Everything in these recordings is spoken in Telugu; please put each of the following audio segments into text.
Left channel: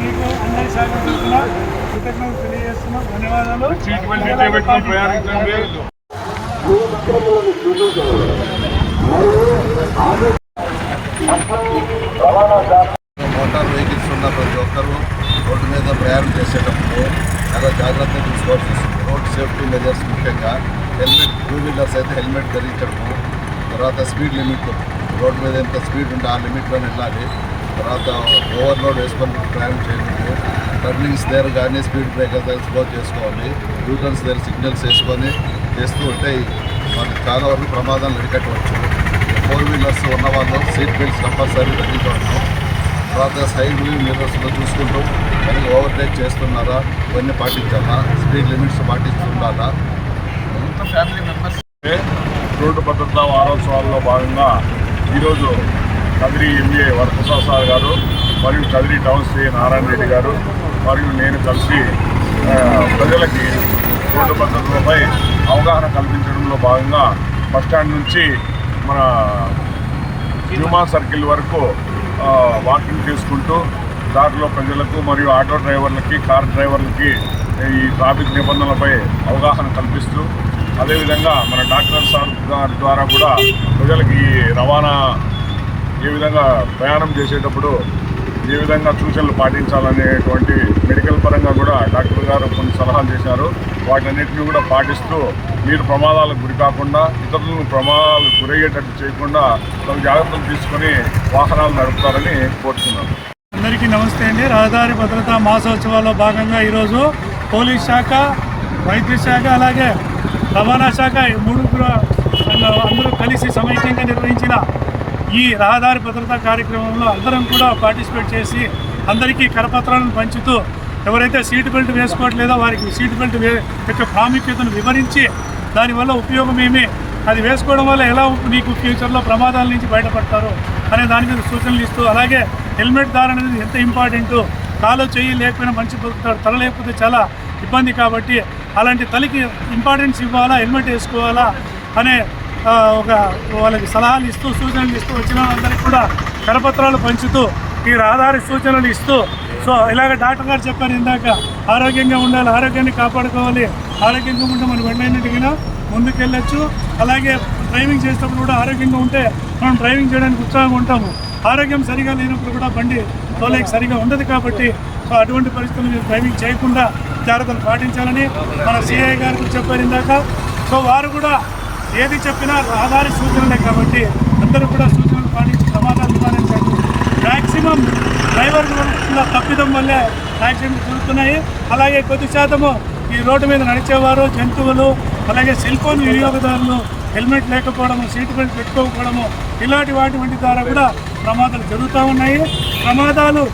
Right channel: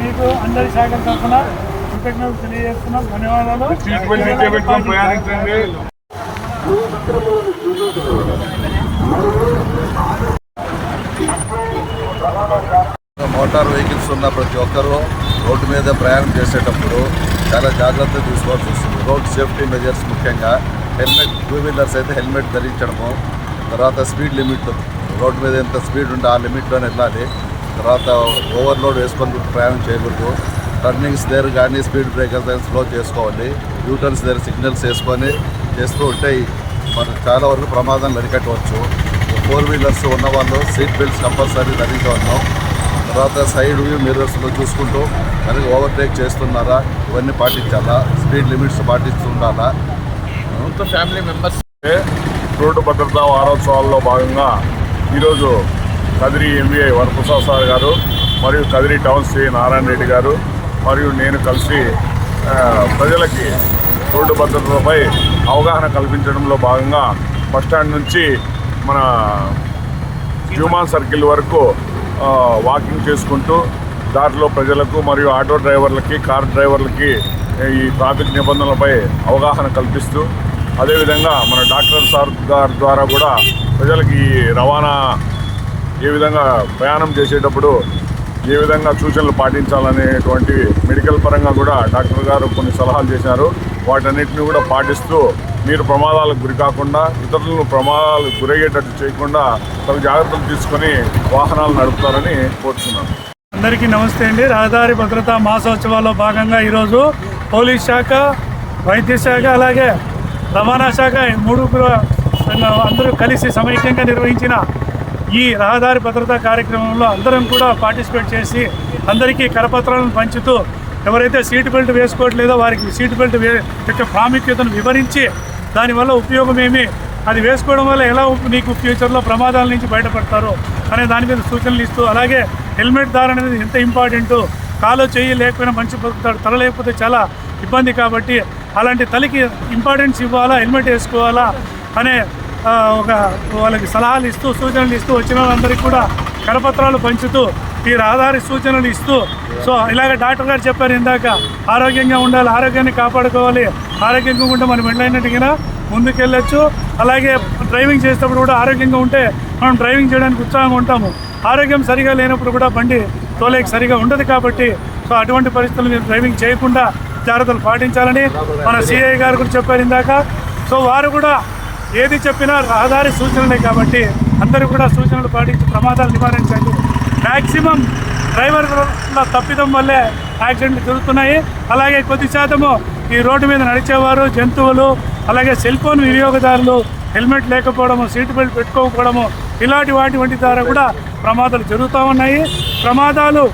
మీకు అందరి శాఖల తరఫున కృతజ్ఞతలు తెలియజేస్తున్నాం. ధన్యవాదాలు. మోటార్ వెహికల్స్ ఉన్న ప్రతి ఒక్కరూ రోడ్డు మీద ప్రయాణం చేసేటప్పుడు చాలా జాగ్రత్తగా చూసుకోవాల్సి వస్తుంది. రోడ్ సేఫ్టీ మెజర్స్ ముఖ్యంగా హెల్మెట్, టూ వీలర్స్ అయితే హెల్మెట్ ధరించడము, తర్వాత స్పీడ్ లిమిట్, రోడ్డు మీద ఎంత స్పీడ్ ఉంటే ఆ లిమిట్లోనే వెళ్ళాలి. తర్వాత ఓవర్లోడ్ వేసుకొని ప్రయాణం చేయకూడదు. టర్నింగ్స్ దగ్గర కానీ స్పీడ్ బ్రేకర్స్ దగ్గర స్లో చేసుకోవాలి. యూటర్న్స్ దగ్గర సిగ్నల్స్ వేసుకొని చేస్తూ ఉంటే మనకు చాలా వరకు ప్రమాదాలు అరికట్టవచ్చు. ఫోర్ వీలర్స్ ఉన్నవాళ్ళు సీట్ బెల్ట్స్ కంపల్సరీ ధరించవచ్చు. తర్వాత సైడ్ వ్యూ మిర్రర్స్లో చూసుకుంటూ కనుక ఓవర్టేక్ చేస్తున్నారా ఇవన్నీ పాటించాలా, స్పీడ్ లిమిట్స్ పాటిస్తూ ఉండాలా. ఫ్యామిలీ మెంబర్స్ రోడ్డు భద్రతా వారోత్సవాల్లో భాగంగా ఈరోజు కదిరి ఎంవీఐ వరప్రసాద్ సార్ గారు మరియు కదిరి టౌన్ సి నారాయణ రెడ్డి గారు మరియు నేను కలిసి ప్రజలకి రోడ్డు భద్రతపై అవగాహన కల్పించడంలో భాగంగా బస్టాండ్ నుంచి మన హ్యూమాన్ సర్కిల్ వరకు వాకింగ్ చేసుకుంటూ దారిలో ప్రజలకు మరియు ఆటో డ్రైవర్లకి, కార్ డ్రైవర్లకి ఈ ట్రాఫిక్ నిబంధనలపై అవగాహన కల్పిస్తూ, అదేవిధంగా మన డాక్టర్ సార్ గారి ద్వారా కూడా ప్రజలకి రవాణా ఏ విధంగా ప్రయాణం చేసేటప్పుడు ఏ విధంగా సూచనలు పాటించాలనేటువంటి మెడికల్ పరంగా కూడా డాక్టర్ గారు కొన్ని సలహాలు చేశారు. వాటన్నిటిని కూడా పాటిస్తూ మీరు ప్రమాదాలకు గురి కాకుండా, ఇతరులను ప్రమాదాలకు గురయ్యేటట్టు చేయకుండా తగు జాగ్రత్తలు తీసుకొని వాహనాలు నడుపుతారని కోరుతున్నాను. అందరికీ నమస్తే అండి. రహదారి భద్రతా మాసోత్సవాల్లో భాగంగా ఈరోజు పోలీస్ శాఖ, వైద్య శాఖ, అలాగే రవాణా శాఖ మూడుగురు అందరూ కలిసి సమైక్యంగా నిర్వహించిన ఈ రహదారి భద్రతా కార్యక్రమంలో అందరం కూడా పార్టిసిపేట్ చేసి అందరికీ కరపత్రాలను పంచుతూ ఎవరైతే సీట్ బెల్ట్ వేసుకోవట్లేదో వారికి సీట్ బెల్ట్ యొక్క ప్రాముఖ్యతను వివరించి దానివల్ల ఉపయోగం ఏమి, అది వేసుకోవడం వల్ల ఎలా నీకు ఫ్యూచర్లో ప్రమాదాల నుంచి బయటపడతారు అనే దాని మీద సూచనలు ఇస్తూ, అలాగే హెల్మెట్ ధారణ అనేది ఎంత ఇంపార్టెంటు, కాలు చెయ్యి లేకపోయినా మంచి బతుకుతాడు, తల లేకపోతే చాలా ఇబ్బంది కాబట్టి అలాంటి తలకి ఇంపార్టెన్స్ ఇవ్వాలా, హెల్మెట్ వేసుకోవాలా అనే వాళ్ళకి సలహాలు ఇస్తూ, సూచనలు ఇస్తూ, వచ్చిన వాళ్ళందరికీ కూడా కరపత్రాలు పంచుతూ ఈ రహదారి సూచనలు ఇస్తూ, సో ఇలాగ డాక్టర్ గారు చెప్పారు ఇందాక, ఆరోగ్యంగా ఉండాలి, ఆరోగ్యాన్ని కాపాడుకోవాలి, ఆరోగ్యంగా ఉంటే మనం వెళ్ళినట్టుగా ముందుకెళ్ళచ్చు. అలాగే డ్రైవింగ్ చేసేటప్పుడు కూడా ఆరోగ్యంగా ఉంటే మనం డ్రైవింగ్ చేయడానికి ఉత్సాహంగా ఉంటాము. ఆరోగ్యం సరిగా లేనప్పుడు కూడా బండి తోలేకి సరిగా ఉండదు కాబట్టి సో అటువంటి పరిస్థితులు మీరు డ్రైవింగ్ చేయకుండా జాగ్రత్తలు పాటించాలని మన సిఐ గారు కూడా చెప్పారు ఇందాక. సో వారు కూడా ఏది చెప్పినా రహదారి సూచనలే కాబట్టి అందరూ కూడా సూచనలు పాటించి ప్రమాదాలు నివారించాలి. మ్యాక్సిమం డ్రైవర్ల తప్పిదం వల్లే యాక్సిడెంట్లు జరుగుతున్నాయి. అలాగే కొద్ది శాతము ఈ రోడ్డు మీద నడిచేవారు, జంతువులు, అలాగే సెల్ ఫోన్ వినియోగదారులు హెల్మెట్ లేకపోవడము, సీట్ బెల్ట్ పెట్టుకోకపోవడము, ఇలాంటి వాటి ద్వారా కూడా ప్రమాదాలు జరుగుతూ ఉన్నాయి. ప్రమాదాలు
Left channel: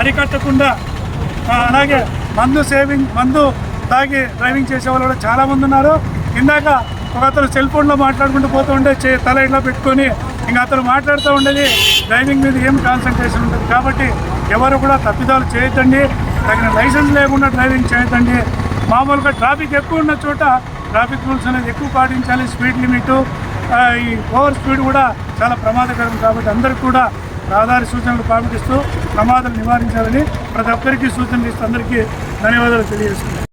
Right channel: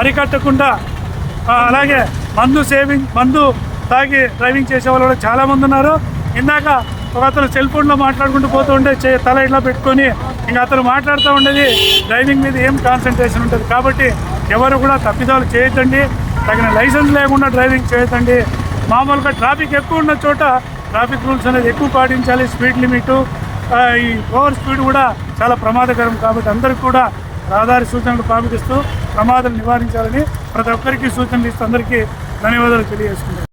అరికట్టకుండా అలాగే మందు తాగి డ్రైవింగ్ చేసే వాళ్ళు కూడా చాలామంది ఉన్నారు. ఇందాక ఒక అతను సెల్ ఫోన్లో మాట్లాడుకుంటూ పోతూ ఉంటే తల ఇట్లా పెట్టుకొని ఇంకా అతను మాట్లాడుతూ ఉండేది డ్రైవింగ్ మీద ఏం కాన్సన్ట్రేషన్ ఉంటుంది. కాబట్టి ఎవరు కూడా తప్పిదాలు చేయొద్దండి. తగిన లైసెన్స్ లేకుండా డ్రైవింగ్ చేయొద్దండి. మామూలుగా ట్రాఫిక్ ఎక్కువ ఉన్న చోట ట్రాఫిక్ రూల్స్ అనేది ఎక్కువ పాటించాలి. స్పీడ్ లిమిట్, ఈ ఓవర్ స్పీడ్ కూడా చాలా ప్రమాదకరం. కాబట్టి అందరికీ కూడా రహదారి సూచనలు పాటిస్తూ ప్రమాదాలు నివారించాలని ప్రతి ఒక్కరికి సూచనలు ఇస్తూ అందరికీ ధన్యవాదాలు తెలియజేసుకుంటాం.